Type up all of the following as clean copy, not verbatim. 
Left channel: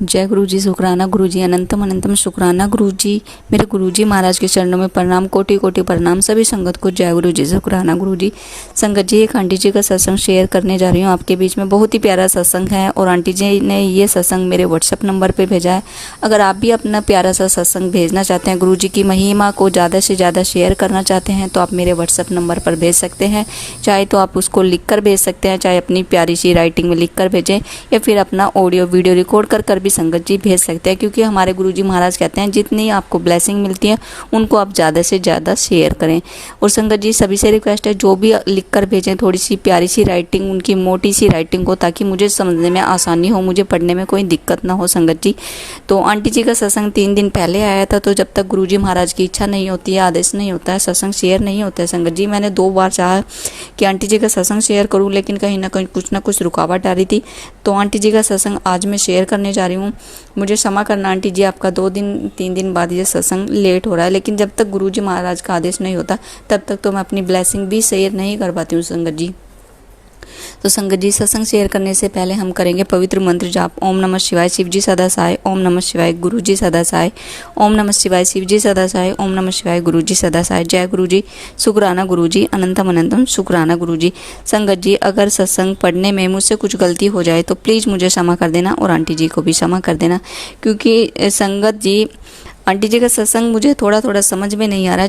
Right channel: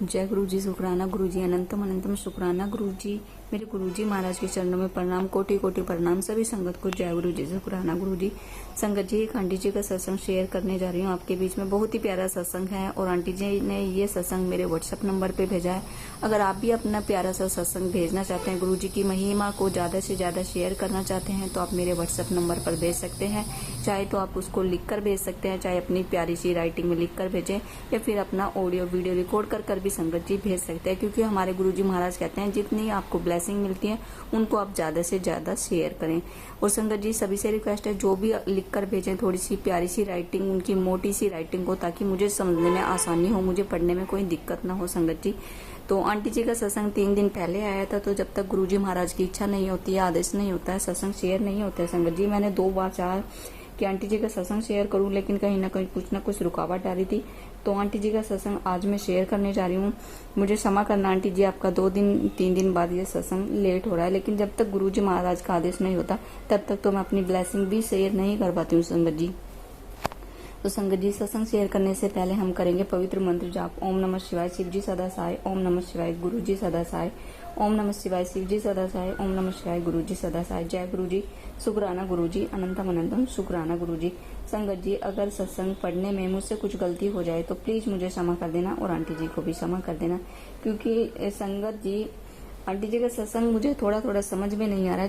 जय गुरु जी, शुक्राना गुरु जी, अनंतम अनंतम शुक्राना गुरु जी। मेरे गुरु जी महाराज के चरणों में प्रणाम, कोटि कोटि प्रणाम। सभी संगत को जय गुरु जी, शुक्राना गुरु जी। संगत जी, एक आंटी जी का सत्संग शेयर करने जा रही हूँ आपके बीच में। बहुत ही प्यारा सत्संग है और आंटी जी ने ये सत्संग मेरे व्हाट्सएप नंबर पर भेजा है। अगर आप भी अपना प्यारा सा सत्संग भेजना चाहते हैं, गुरु जी की महिमा को ज़्यादा से ज़्यादा शेयर करना चाहते हैं, तो आप मेरे व्हाट्सएप नंबर पर भेज सकते हैं। चाहे तो आप उसको लिख कर भेज सकते हैं, चाहे अपनी प्यारी सी राइटिंग में लिख कर भेजें, या फिर अपना ऑडियो वीडियो रिकॉर्ड कर भी संगत जी भेज सकते हैं। क्योंकि हमारे गुरुजी महाराज कहते हैं जितनी आपको ब्लेसिंग मिलती है उनको आप ज़्यादा से ज़्यादा शेयर करें। और संगत जी सभी से रिक्वेस्ट है, जो भी लिख कर भेजें थोड़ी सी प्यारी सी राइटिंग, उनकी मोटी सी राइटिंग हो, ताकि मुझे समझने में आसानी हो, मुझे पढ़ने में कोई दिक्कत ना हो संगत जी। तो आंटी जी का सत्संग 3 दिन पहले आया था, तो जब तक गुरुजी महाराज की इच्छा नहीं होती है, आदेश नहीं होता है, सत्संग शेयर नहीं होता है संगत जी। मैंने 2 बार चाहा कि आंटी जी का सत्संग शेयर करूँ, लेकिन कहीं ना कुछ रुकावट आ रही थी। तो आंटी जी का सत्संग आज मैं शेयर करने जा रही हूँ। मुझे क्षमा करना आंटी जी, आपका 2-3 दिन बाद ये सत्संग लेट हो रहा है, लेकिन जब तक गुरुजी महाराज का आदेश नहीं होता तब तक तो मैं अपनी ब्लेसिंग भी शेयर नहीं कर पाती हूँ संगत जी। तो संगत जी, सत्संग शेयर करने से पहले हम करेंगे पवित्र मंत्र जाप। ओम नमः शिवाय, शिव जी सदा सहाय। ओम नमः शिवाय, गुरु जी सदा सहाय। ओम नमः शिवाय, शिव जी सदा सहाय। ओम नमः शिवाय, गुरु जी सदा सहाय। जय गुरु जी, शुक्राना गुरु जी, अनंतम अनंतम शुक्राना गुरु जी। संगत जी, अगर सत्संग पढ़ने में मुझसे कुछ गलती हो जाए तो प्लीज़ मुझे क्षमा कर देना, और आंटी जी को भी क्षमा कर देना। क्योंकि संगत जी, आंटी जी का सत्संग मुझे थोड़ा थोड़ा समझ में नहीं आ रहा,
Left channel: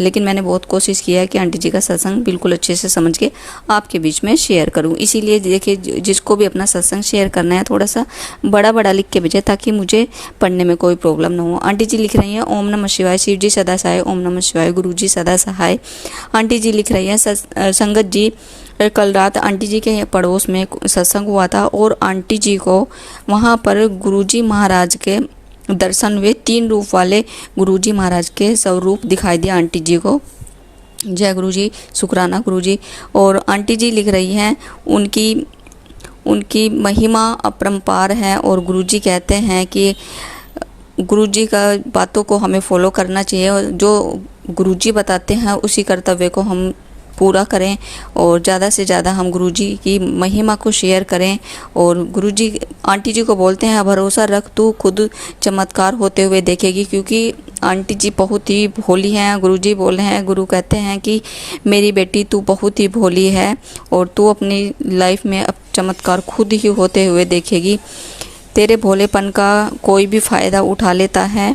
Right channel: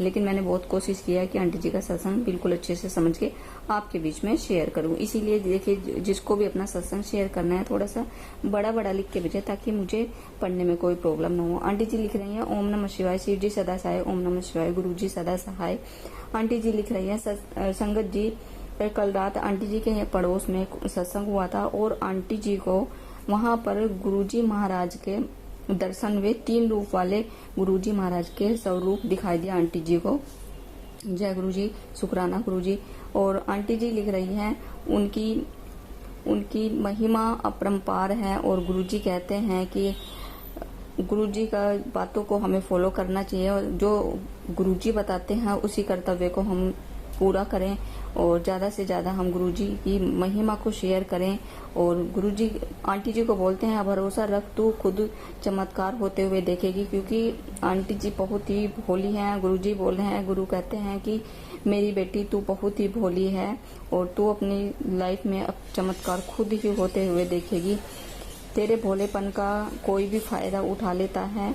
लेकिन मैंने बहुत कोशिश किया है कि आंटी जी का सत्संग बिल्कुल अच्छे से समझ के आपके बीच में शेयर करूं। इसीलिए देखिए, जिसको भी अपना सत्संग शेयर करना है थोड़ा सा बड़ा बड़ा लिख के भेजें, ताकि मुझे पढ़ने में कोई प्रॉब्लम ना हो। आंटी जी लिख रही हैं ओम नमः शिवाय, शिव जी सदा सहाय। ओम नमः शिवाय, गुरु जी सदा सहाय। आंटी जी लिख रही हैं संगत जी, कल रात आंटी जी के पड़ोस में सत्संग हुआ था और आंटी जी को वहाँ पर गुरुजी महाराज के दर्शन हुए। 3 रूप वाले गुरुजी महाराज के स्वरूप दिखाई दिया आंटी जी को। जय गुरु जी, शुक्राना गुरु जी। और आंटी जी लिख रही हैं उनकी महिमा अपरंपार है, और गुरुजी कहते हैं कि गुरुजी का बातों को हमें फॉलो करना चाहिए, और जो गुरुजी बताते हैं उसी कर्तव्य को हम पूरा करें, और ज़्यादा से ज़्यादा हम गुरुजी की महिमा को शेयर करें। और गुरुजी आंटी जी को बोलते हैं, भरोसा रख, तू खुद चमत्कार होते हुए देखेगी। क्योंकि आंटी जी बहुत ही भोली हैं। गुरुजी बोल रहे हैं, गुरु कहते हैं कि मेरी बेटी तू बहुत ही भोली है, और तू अपनी लाइफ में अब चमत्कार खुद ही होते हुए देखेगी। तेरे भोलेपन का कोई भी फ़ायदा उठा लेता है।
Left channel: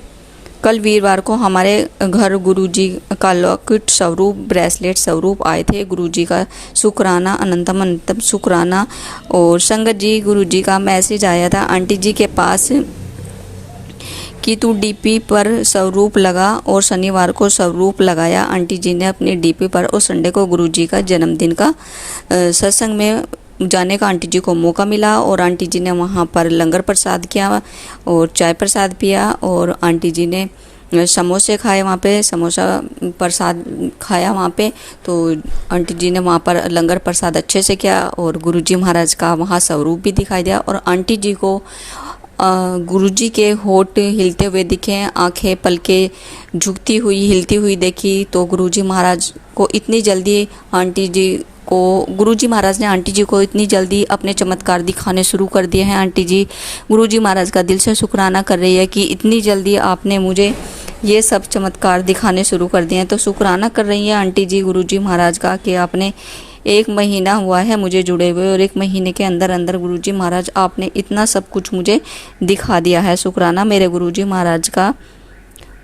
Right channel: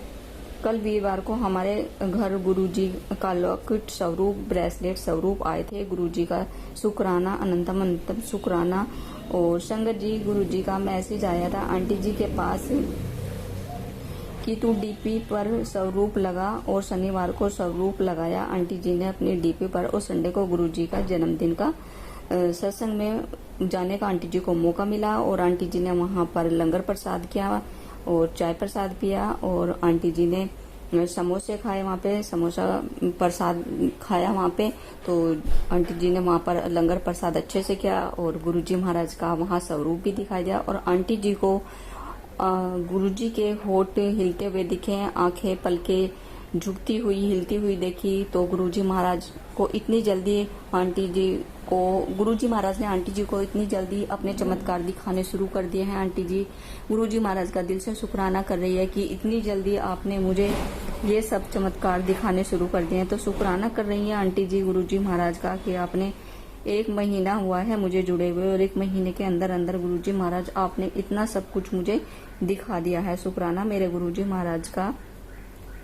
कल वीरवार को हमारे घर गुरुजी का लॉकेट स्वरूप, ब्रेसलेट स्वरूप आए थे। गुरुजी का शुक्राना, अनंतम अनंतम शुक्राना। और संगत जी, गुरुजी का मैसेज आया था आंटी जी के पास कि तू डीपी पर स्वरूप लगा, और शनिवार को स्वरूप लगाया आंटी जी ने अपनी डीपी पर। और संडे को गुरुजी का जन्मदिन का सत्संग में जाने का आंटी जी को मौका मिला, और आंटी जी ने वहाँ पर लंगर प्रसाद किया और चाय प्रसाद पिया, और आंटी जी ने समोसे खाए वहाँ पे, समोसा प्रसाद खाया वहाँ पे। तो आंटी जी ने वहाँ पर लंगर प्रसाद अच्छे से किया, और गुरुजी महाराज का वहाँ स्वरूप भी दिखाई दिया। और आंटी जी को गुरुजी के होठ हिलते हुए दिखे, आंखें पलके झुकती हुई हिलती हुई देखी। तो गुरुजी महाराज को इतनी जल्दी गुरुजी महाराज ने आंटी जी को इतनी जल्दी अपने चमत्कार दिखाने शुरू कर दिए हैं। आंटी जी गुरुजी महाराज का दिल से शुक्राना कर रही है कि इतनी जल्दी आपने मुझे ये सब चमत्कार दिखाने शुरू कर दिए हैं। तो शुक्राना कर रही हैं आंटी जी गुरुजी महाराज का कि आपने 1 महीना हुआ है मुझे जुड़े हुए, और 1 महीने के अंदर अंदर गुरुजी महाराज आपने इतना सब कुछ मुझे दिखा दिया है। शुक्राना मेरे गुरुजी महाराज का।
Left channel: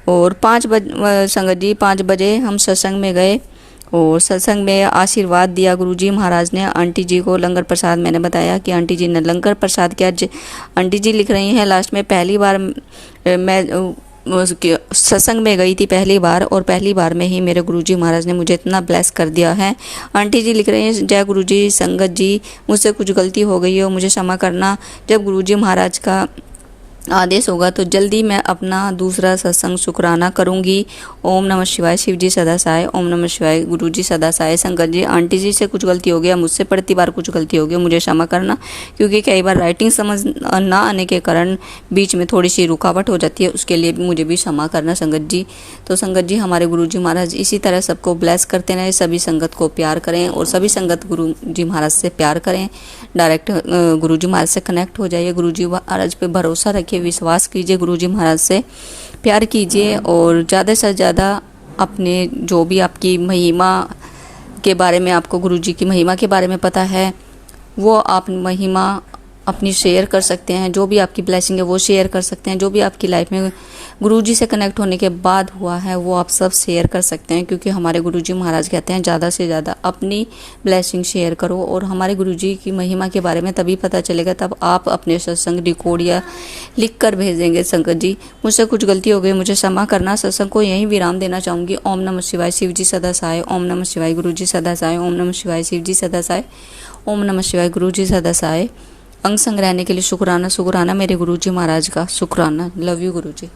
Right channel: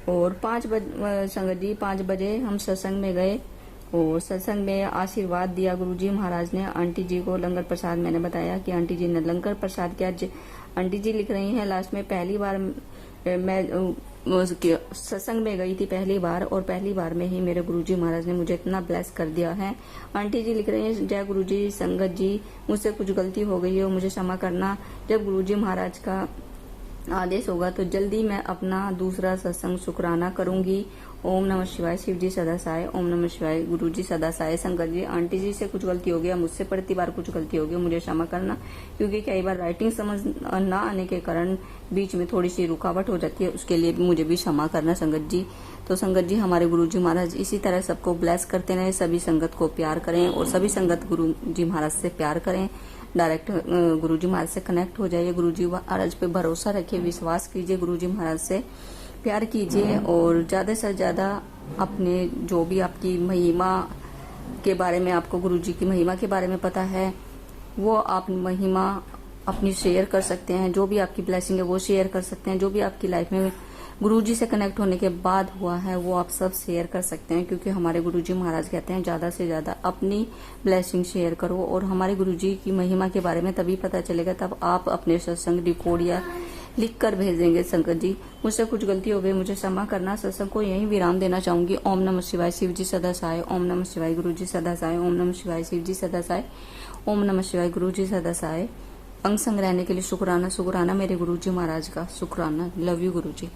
और 5 बजे हम सत्संग में गए, और सत्संग में आशीर्वाद दिया गुरुजी महाराज ने आंटी जी को। लंगर प्रसाद, मैंने बताया कि आंटी जी ने लंगर प्रसाद किया। आंटी जी लिख रही हैं, लास्ट में पहली बार मैं सत्संग में गई थी पहली बार, और पहली बार में ही मेरे गुरुजी महाराज ने मुझे इतना ब्लेस कर दिया है। आंटी जी लिख रही हैं, जय गुरुजी। संगत जी, मुझसे कुछ गलती हो गई हो, मुझे क्षमा करना। जब गुरुजी महाराज का आदेश होगा तो जल्दी मैं अपना दूसरा सत्संग शुक्राना करूंगी। ओम नमः शिवाय। शिव जी सदा सहाय। ओम नमः शिवाय। गुरु जी सदा सहाय। संगत जी, आंटी जी से कुछ गलती हो गया, मुझसे पड़ती बार कुछ गलती हो गई, मुझे क्षमा करना, क्योंकि कई बार राइटिंग समझ ना आने के कारण बीच में थोड़ी सी रुकावट हो जाती है, उसके लिए भी मुझे भी क्षमा करना संगत जी। तो संगत जी, हमारे गुरु जी महाराज इसी तरह सबको ब्लेस करते रहें, सभी संगत को प्यार करें और सभी संगत गुरु जी महाराज से प्यार करें। डायरेक्ट गुरु जी महाराज से कनेक्ट हो जाइए, गुरु जी महाराज पे भरोसा रखिए, विश्वास कीजिए, गुरु जी महाराज से प्यार कीजिए और ज़्यादा से ज़्यादा अपने जो भी आपकी महिमा के बारे में, आपको गुरु जी की महिमा के बारे में पता है, वो आप महिमा अपनी शेयर कर सकते हैं। जो भी आपकी ब्लेसिंग है वो शेयर कर सकते हैं। जो भी आपकी लाइफ में गुरुजी से कनेक्ट होने के बाद हुआ है वो आप सब शेयर कर सकते हैं, क्योंकि हमारे गुरुजी महाराज कहते हैं ज़्यादा से ज़्यादा अपनी ब्लेसिंग शेयर करो। और हमारे गुरुजी की महिमा के बारे में तभी पता चलेगा तब आप अपने सत्संग रिकॉर्ड या लिख कर भेजेंगे। संगत जी, मुझसे कुछ गलती हो गई, मुझे क्षमा करना। सत्संग को यहीं विराम देना चाहूँगी। ओम नमः शिवाय। शिव जी सदा सहाय। ओम नमः शिवाय। गुरु जी सदा सहाय। ओम नमः शिवाय। शिव जी सदा सहाय। ओम नमः शिवाय। गुरु जी सदा सहाय। अंग संग रहने के लिए शुक्राना। शुक्राना मेरे गुरुजी महाराज का, शुक्राना। Love you Guruji.